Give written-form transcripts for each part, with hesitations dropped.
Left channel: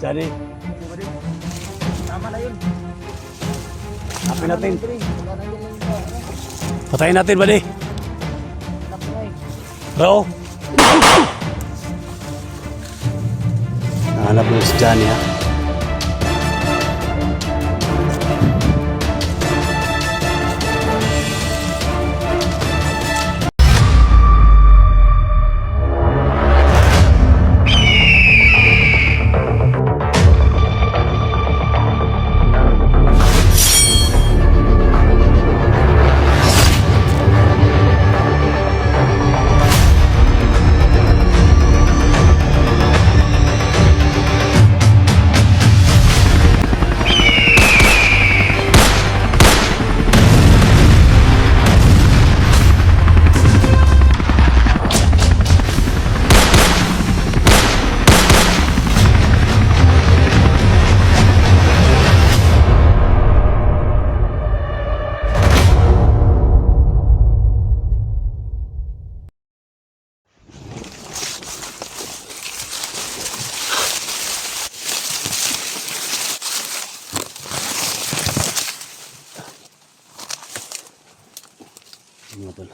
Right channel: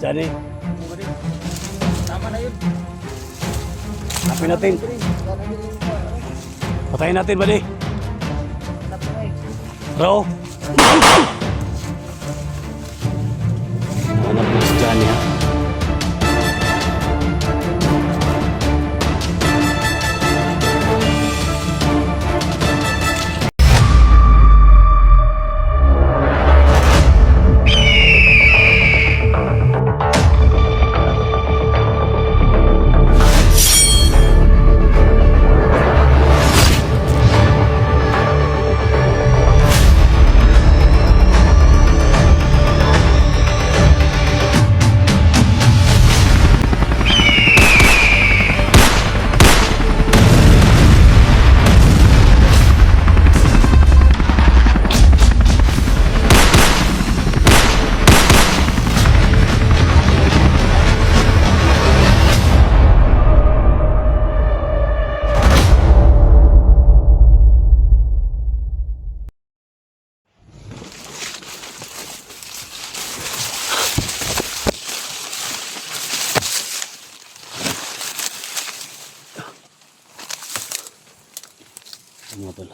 Johnny. Tama na yun. Hapin natin. Patayin natin, buddy. Hanap mo eh. Bro. Hanap mo si Johnny, ha? Mga tol,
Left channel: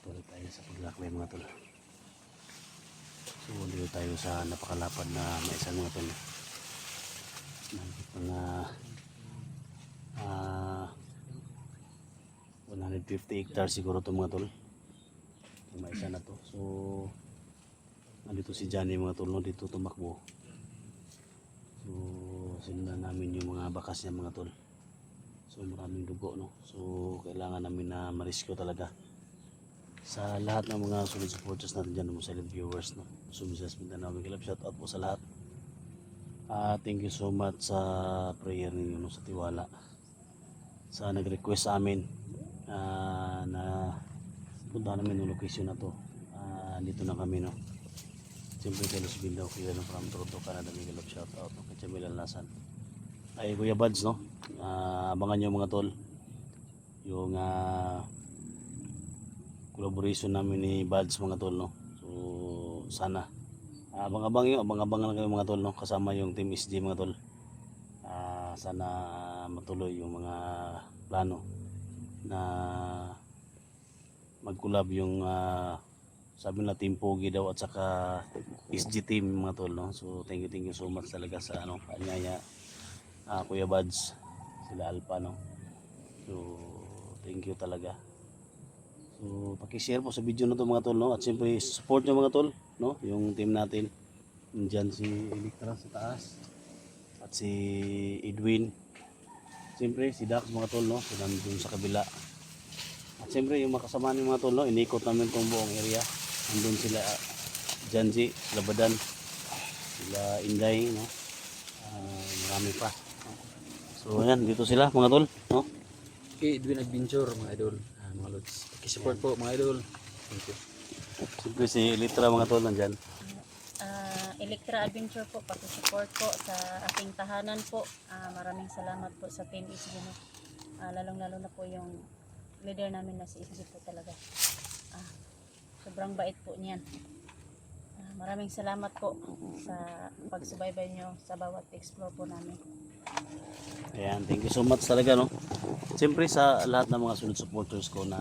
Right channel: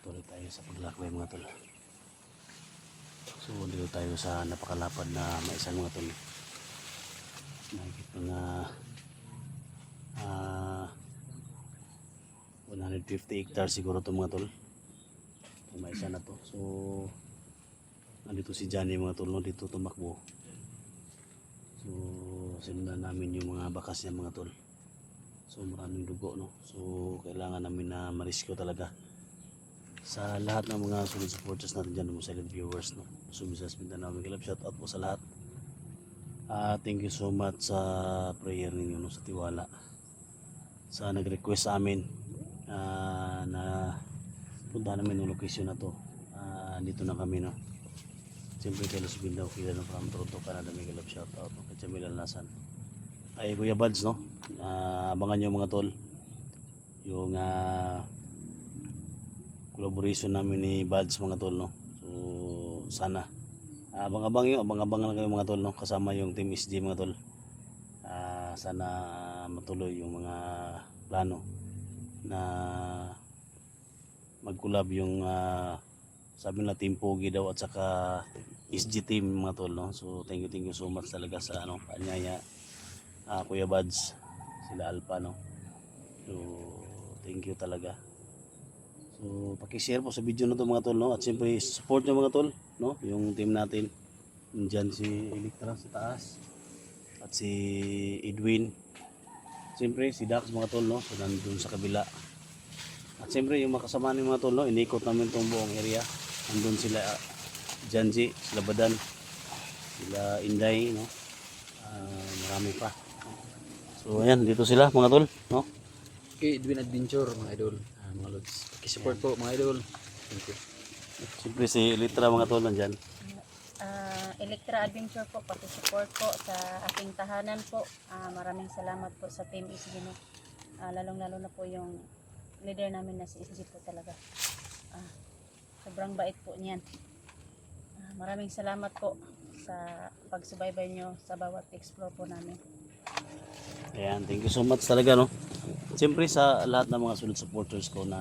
tuloy tayo sa paglakbay mga tol. So dito tayo sa napakalapad na maisan mga tol. Nakikita nga 150 hectares siguro ito mga tol, yung maisan na to. So nandito si Johnny mga tol, no? Dito tumakbo. So sinundan namin yung mga bakas niya mga tol. So maraming dugo, no? So kailangan namin na ma-rescue talaga. Sa lahat ng mga solid supporters natin dyan, mga silent viewers, no? So Visayas Mindanao, shout out po sa lahat. Thank you so much sa prayer ninyo, no? Sa tiwala. Sa nag-request sa amin na punta namin yung location na to. Dito na kami, no? Siyempre kay Los Bildaw, kila no, from Toronto, Canada, shout out, no? Kay Jamil Alnasan. Ay Kuya Buds, no? Abangan nyo mga tol yung collaboration namin ni Buds mga tol, no? So sana abang-abang lang kayo mga tol, no? Kasama yung team SG mga tol. Sana matuloy yung mga plano na mag-collab yung sabi na Team Pogi daw at saka SG team mga tol, no? So thank you so much talaga sa paanyaya Kuya Buds, sila Alpha, no? So thank you talaga. So paki-share po sa video na to mga tol, no? At siyempre support nyo mga tol, no? Yung team natin, nandyan si Electra sa taas at si Edwin, siyempre si Dax mga tol, no? So nandun sa kabila. At siyempre yung makasama ni mga tol, no? Inikot namin tong buong area. Nandun sila Janji, sila Badan, sila Inday, no? Marami pa. So ayan, dito sila mga tol, no? Okay, Edwin Adventure mga idol. Mga lods. Paki-support po mga idol. Thank you. Siyempre si Electra mga tol nandyan. Electra Adventure po, paki-support po sa aking tahanan po. Maraming salamat po sa Team SG, no? Lalong-lalo na po yung leader namin na si SG po talaga. Sobrang bait po niyan. Maraming salamat po sa pagsubaybay nyo sa bawat explore po namin. Ayan, thank you so much talaga, no? Siyempre sa lahat ng mga solid supporters ko na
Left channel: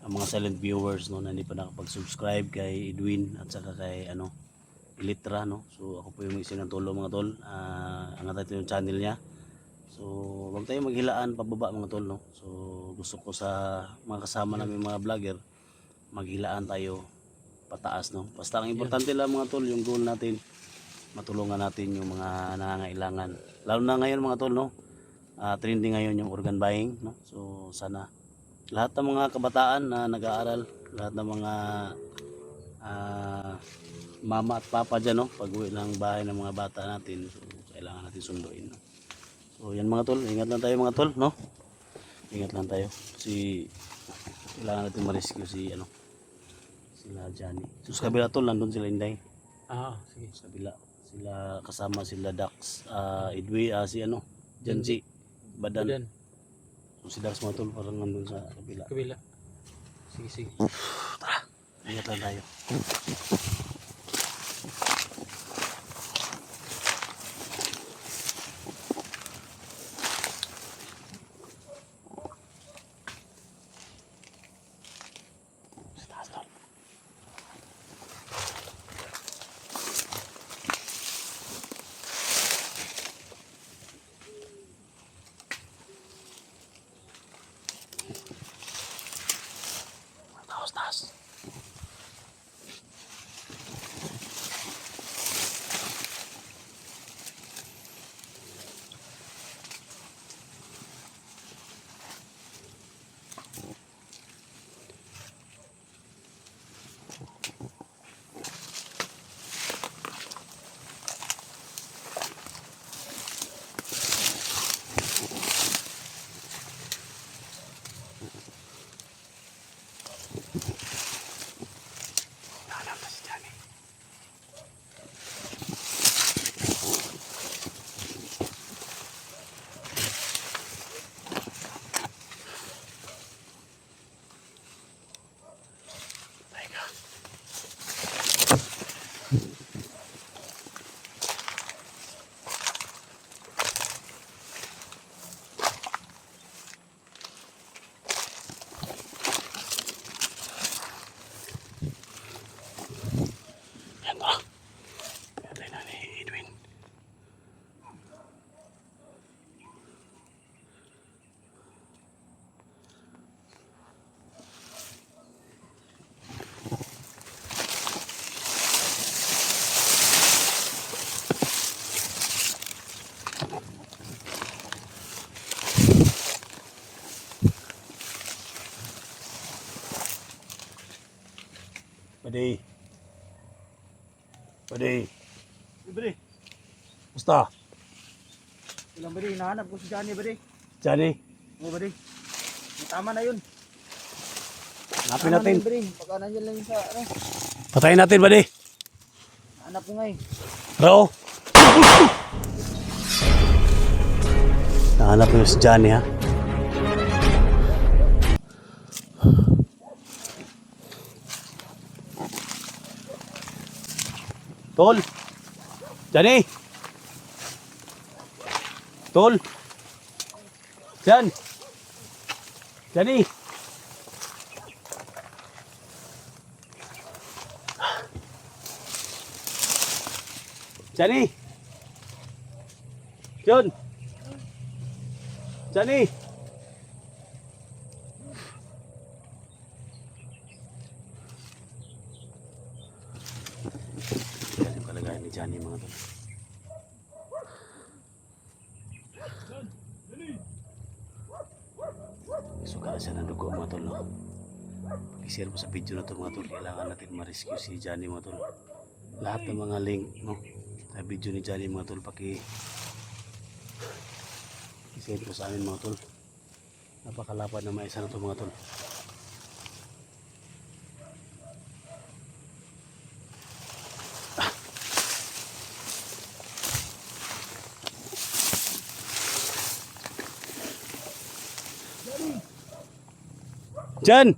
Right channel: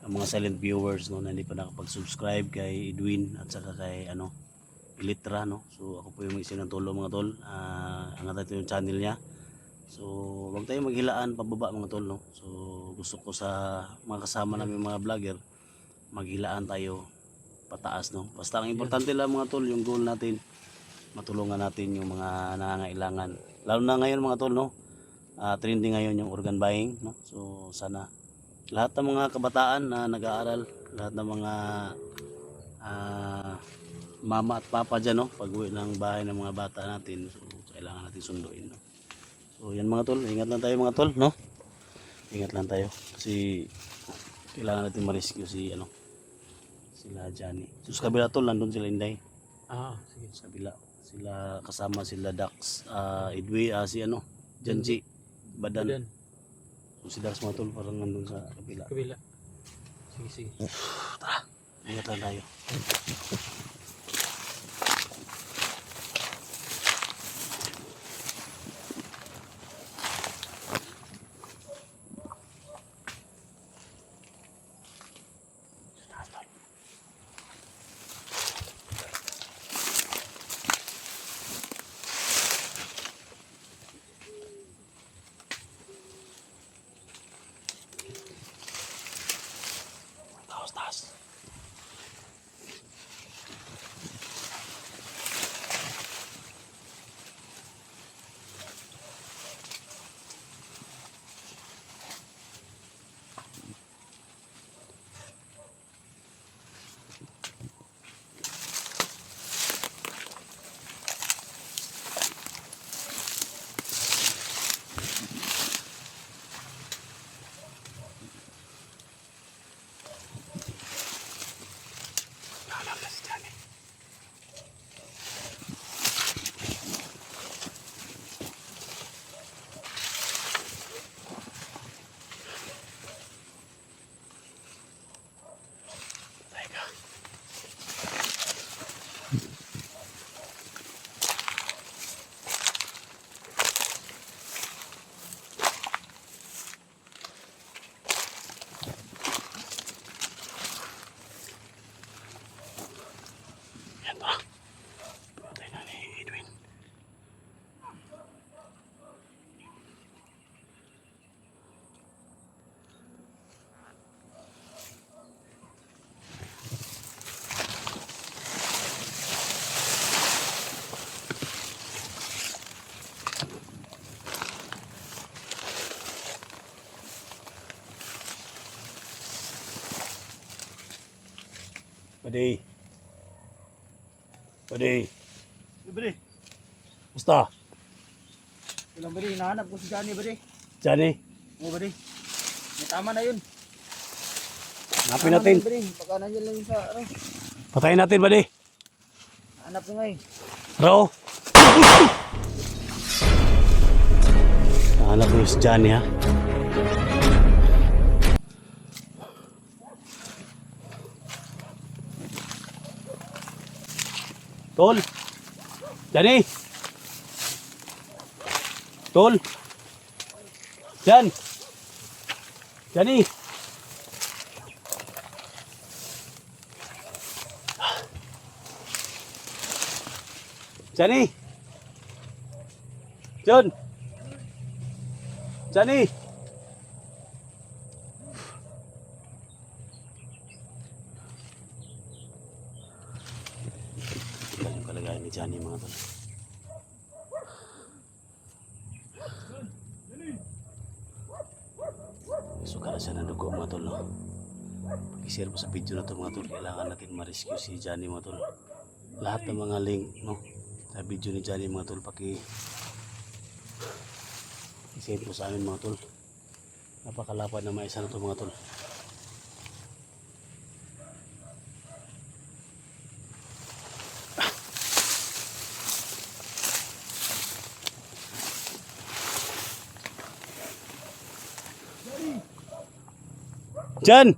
ang mga silent viewers, no, na hindi pa nakapag-subscribe kay Edwin at saka kay Electra, no? So ako po yung mag-isinantulong mga tol. Angat natin yung channel niya. So wag tayong maghilaan pababa mga tol, no? So gusto ko sa mga kasama namin mga vlogger, maghilaan tayo pataas, no? Basta ang importante lang mga tol, yung goal natin, matulungan natin yung mga nangangailangan. Lalo na ngayon mga tol, no? Trending ngayon yung organ buying, no? So sana lahat ng mga kabataan na nag-aaral, lahat ng mga mama at papa dyan, no? Pag-uwi ng bahay ng mga bata natin, so kailangan natin sunduin, no? So yan mga tol, ingat lang tayo mga tol, no? Ingat lang tayo kasi kailangan natin ma-rescue si sila Johnny. So sa kabila tol, nandun sila Inday. Sige. Sa kabila sila, kasama sila Dax, Edwin, si Janji, Badan. So si Dax mga tol parang nandun sa kabila. Sige. Tara, ingat lang tayo. Buddy. Buddy. Bari. Musta? Ilang bari, hinahanap ko si Johnny bari. Johnny, Oo bari. May tama na yun. hanapin natin. Bari, baka nandiyan lang yun sa ano. Patayin natin, buddy. Hanap ko nga eh. Rao. Nahanap mo si Johnny, ha? Tol. Johnny. Tol. Jan. Johnny. Johnny. John. Johnny. Yan yung kalagayan ni Johnny mga tol. Suka na siya ng dugo mga tol. No? Pag-share mo sa video na to mga tol, kailangan natin ma-rescue si Johnny mga tol. Lahat ng mga link no, sa video ni Johnny mga tol, i-send mo sa amin mga tol. Napakalapad na maisa na to mga tol. Jan!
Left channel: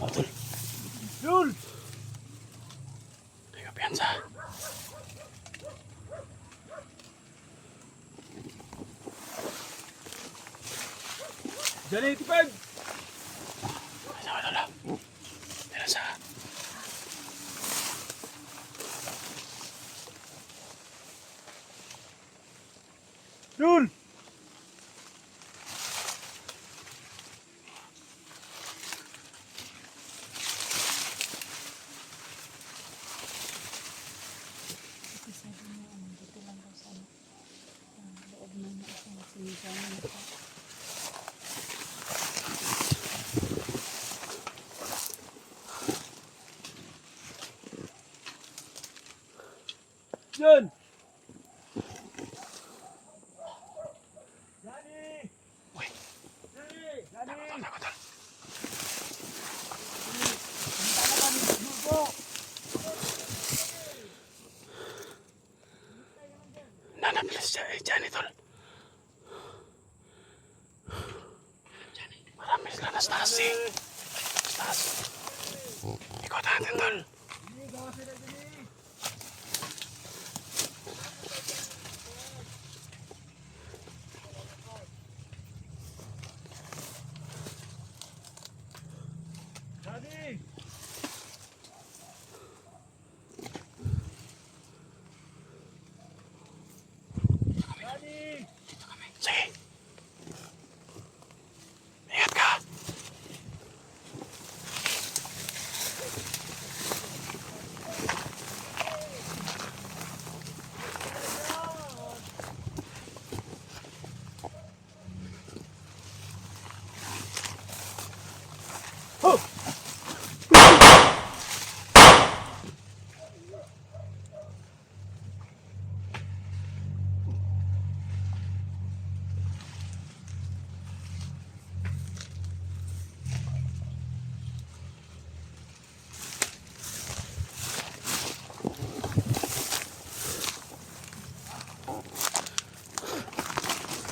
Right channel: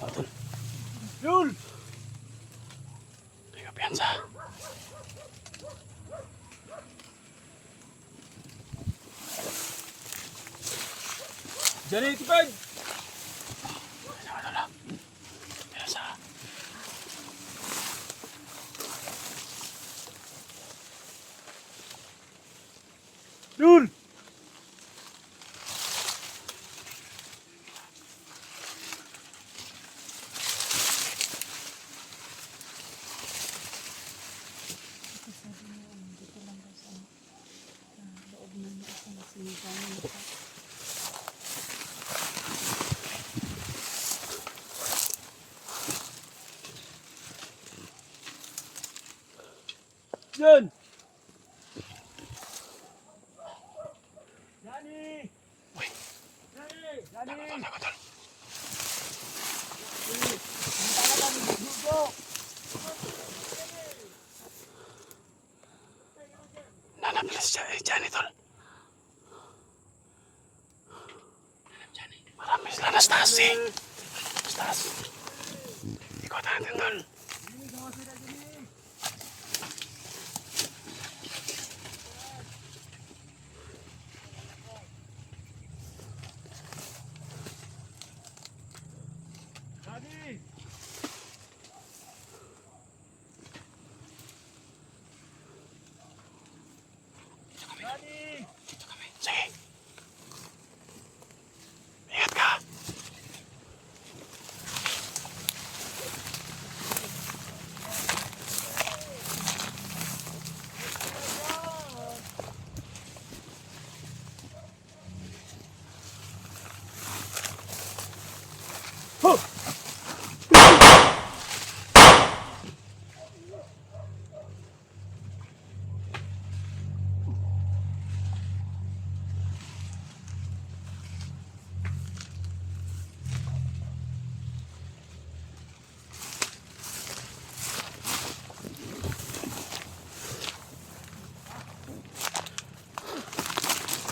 Tol. Yun! Teka, piyansa. Johnny, tipag! Piyansa. Yun! Sabi mo, dito lang daw sa loob ng isang sinigawan nito. Yun! Johnny! Uy. Johnny! Johnny! Takot, tol. Nanapil si Johnny tol. Marami sila na stasi. Stasi. Ikot natin tol. Johnny! Johnny! Sige. Ingat ka.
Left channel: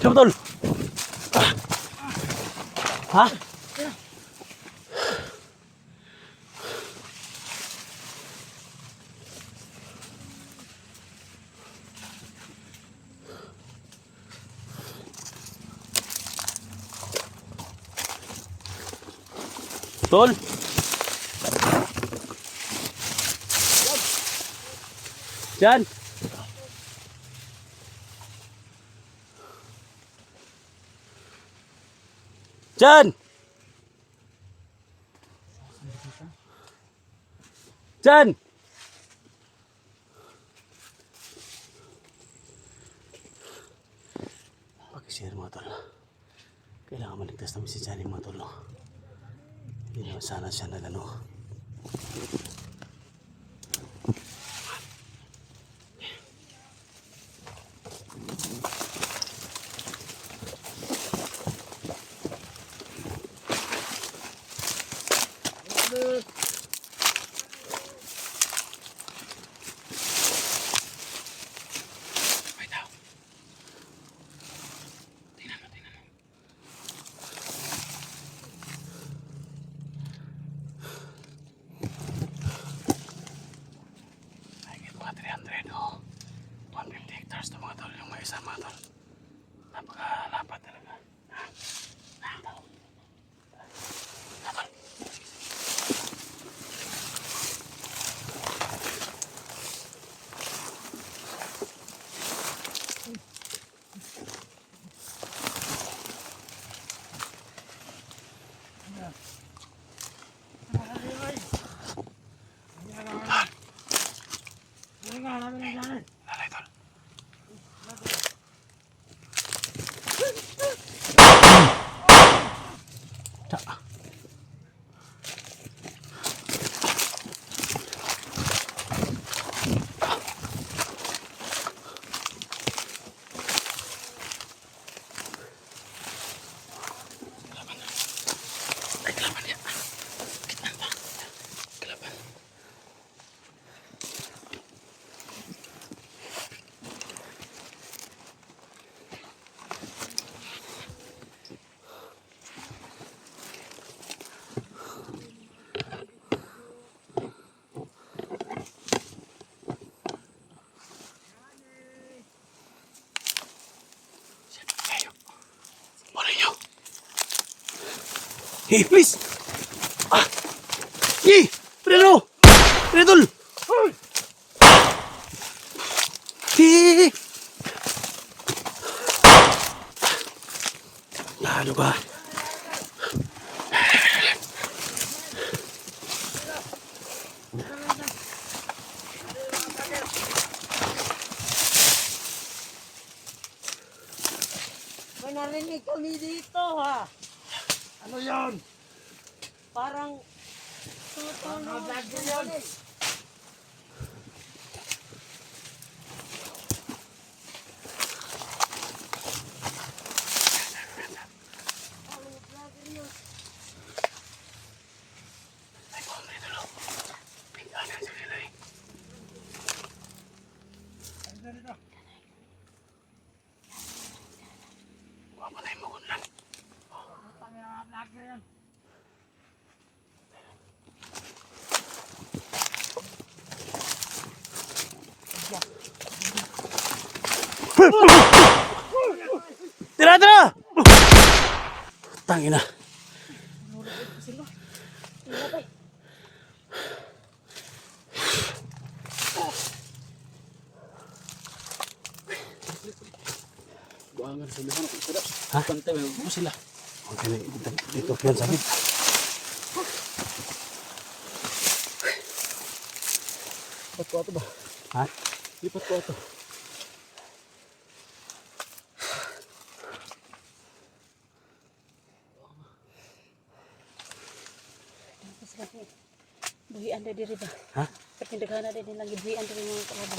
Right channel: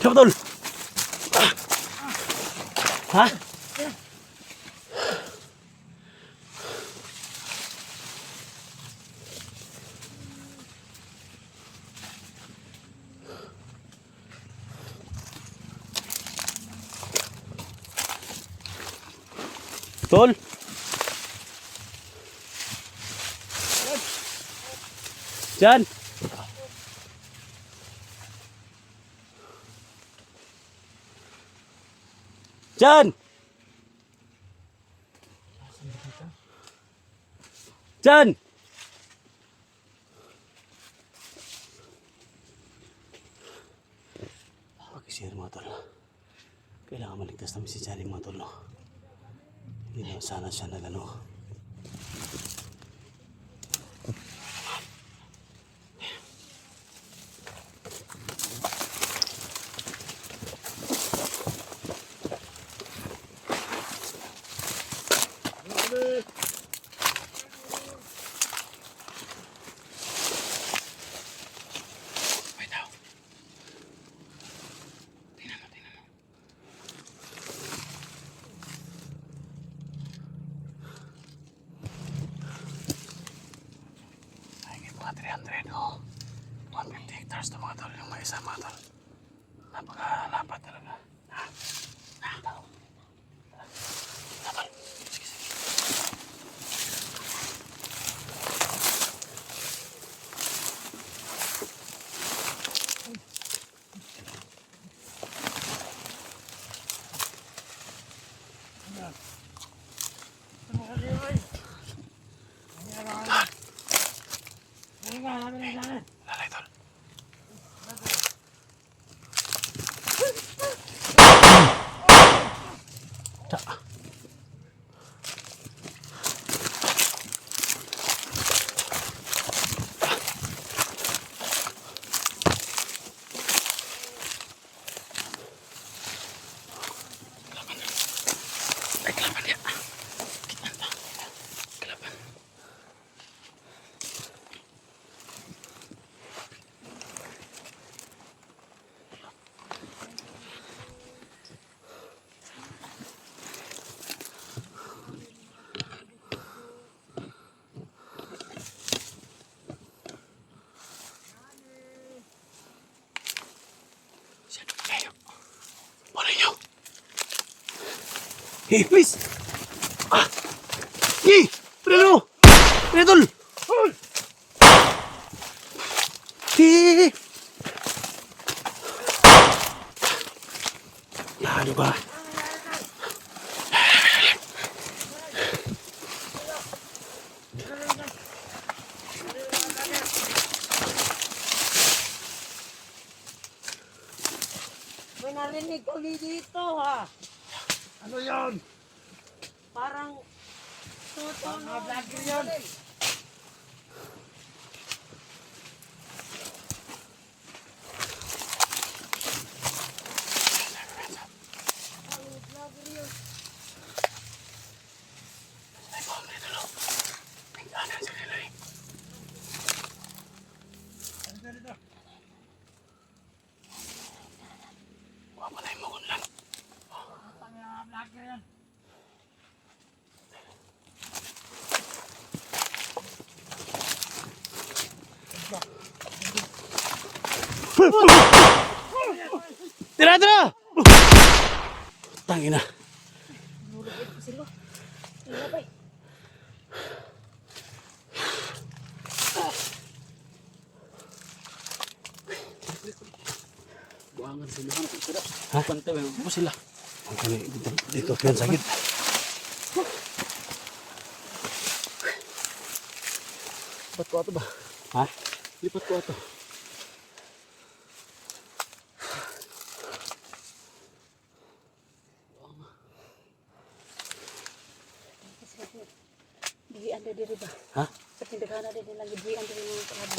Siapa tol? Hah? Tol? Jan? Jan! Jan! Pag-share mga tol. Kailangan maligtas Ligtas namin si Johnny mga tol, no? Hindi naman sana siya nagano. Wait daw. Tingnan mo, tingnan mo. Ay, mga 300, oh. 150 hectares to mga tol, yung may isa mga tol. Napakalapat talaga. Ha? Tao. Tol. Sige, sige. Lalay tol. Ta. Kelaban ya. Kelaban. Ayo. Boleh nyo. Hey, please. Ah. Hey, Preno. Preno. Hey. Ya, ano ba? May narinig kami dito ha. Ano yun? Parang Mga vlogger yun. Ay, pamili dulu. Tinggalan sa nila eh. Wapa na yung magun lang. Mga vlogger yan. Tira, tira! Tangina. Buangan sila kan ako sada. Ha? Pantay mo sila. Okay na, dito piyan sakit. Lipat ko ato ba? Ha? Lipat ko ato. Buhian na diri ba? Ha? Pagkindaghan na din lang buhian din yung kalabang.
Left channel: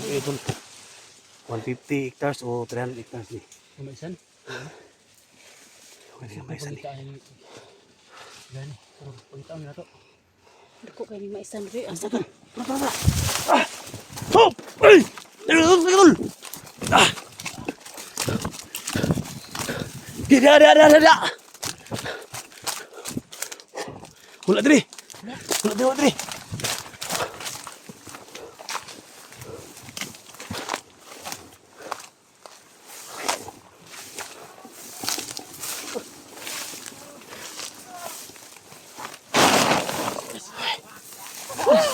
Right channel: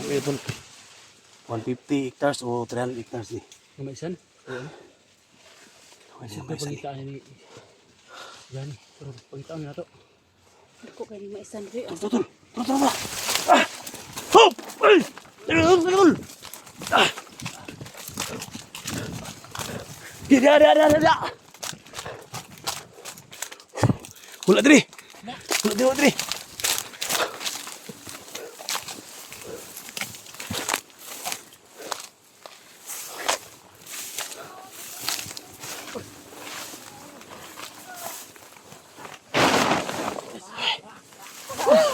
Okay, pun. 150 hectares o 300 hectares ni. Ano isan? O ano? Okay na may isa ni. Pagitaan ni Gani. Pero pagitaan na to. Dako kay ni maisan diri. Tara, tara, tara, tara. Ah! Hop! Ay! Tara, tara, tara. Ah! Dia. Hula diri. Hula diri.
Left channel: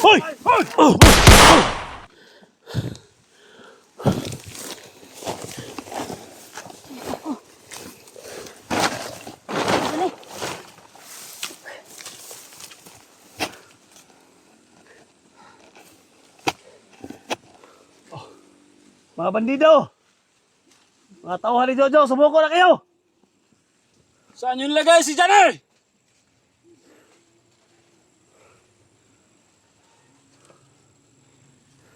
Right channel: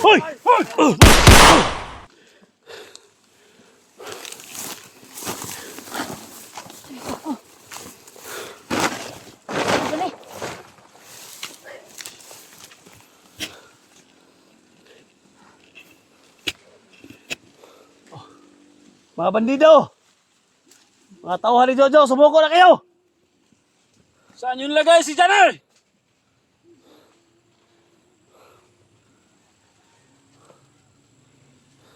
Hoy! Oh! Mga bandido! Mga tauhan ni Jojo, sumuko na kayo! Saan yung lagay si Johnny?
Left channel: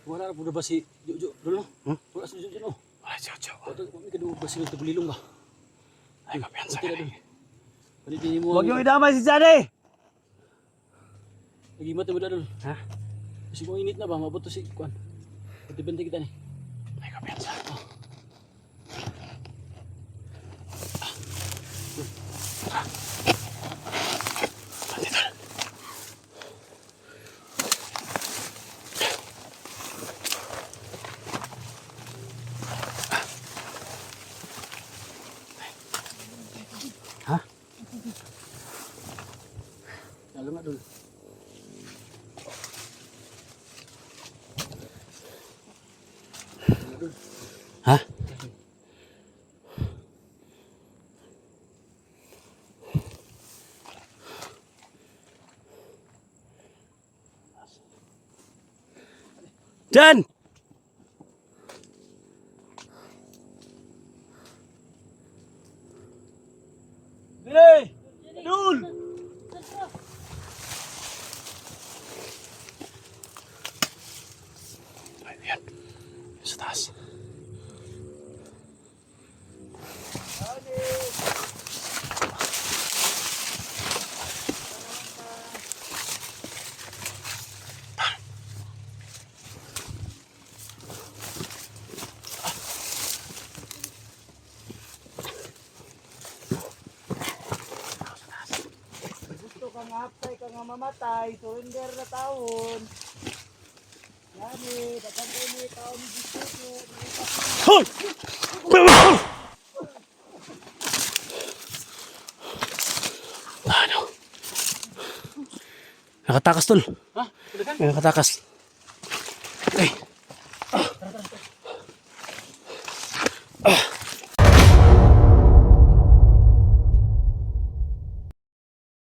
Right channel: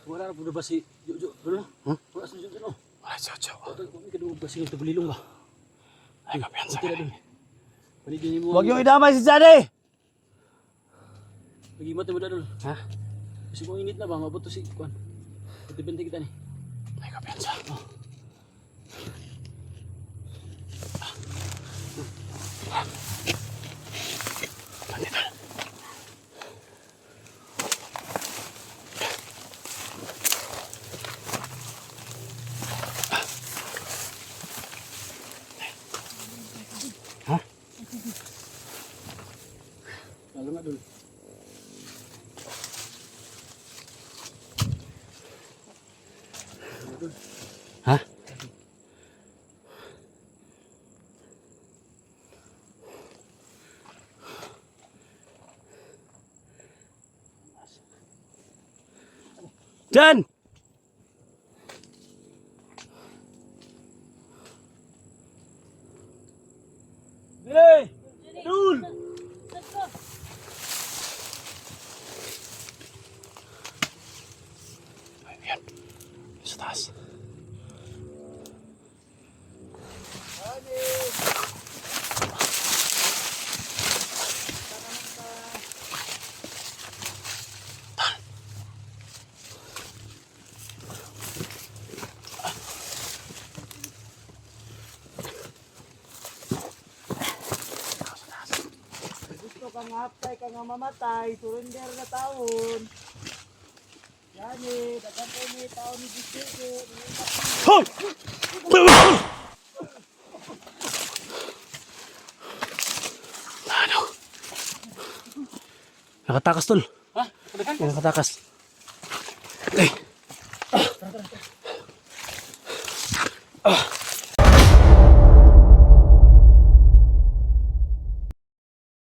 Wala na po ba si Jojo? Wala na? Wala si Jojo. Wala siya, siya. Kami kadungog ba silang tabulilong ba? Ay, kapiyansa. Tira dun. Panigin mo. Huwag yung idamay si Johnny! Nagimat mo na dun. Ha? Kasi kung init na ba, mabuto si Kwan. Pagkabante kita ni. Ay, kapiyansa. Bandito. Ha? Lalo nga dun. Ha? Jan! Hey! Dun! Ayan. Sa taas. Gusto kang hapay ka nga mamatay, surrender na taon. Yani, dagan kayo ni taon ni Gisugo. Hoy! Ano? Nakatakas tol. Ha? Talaga? Nakatakas. Eh.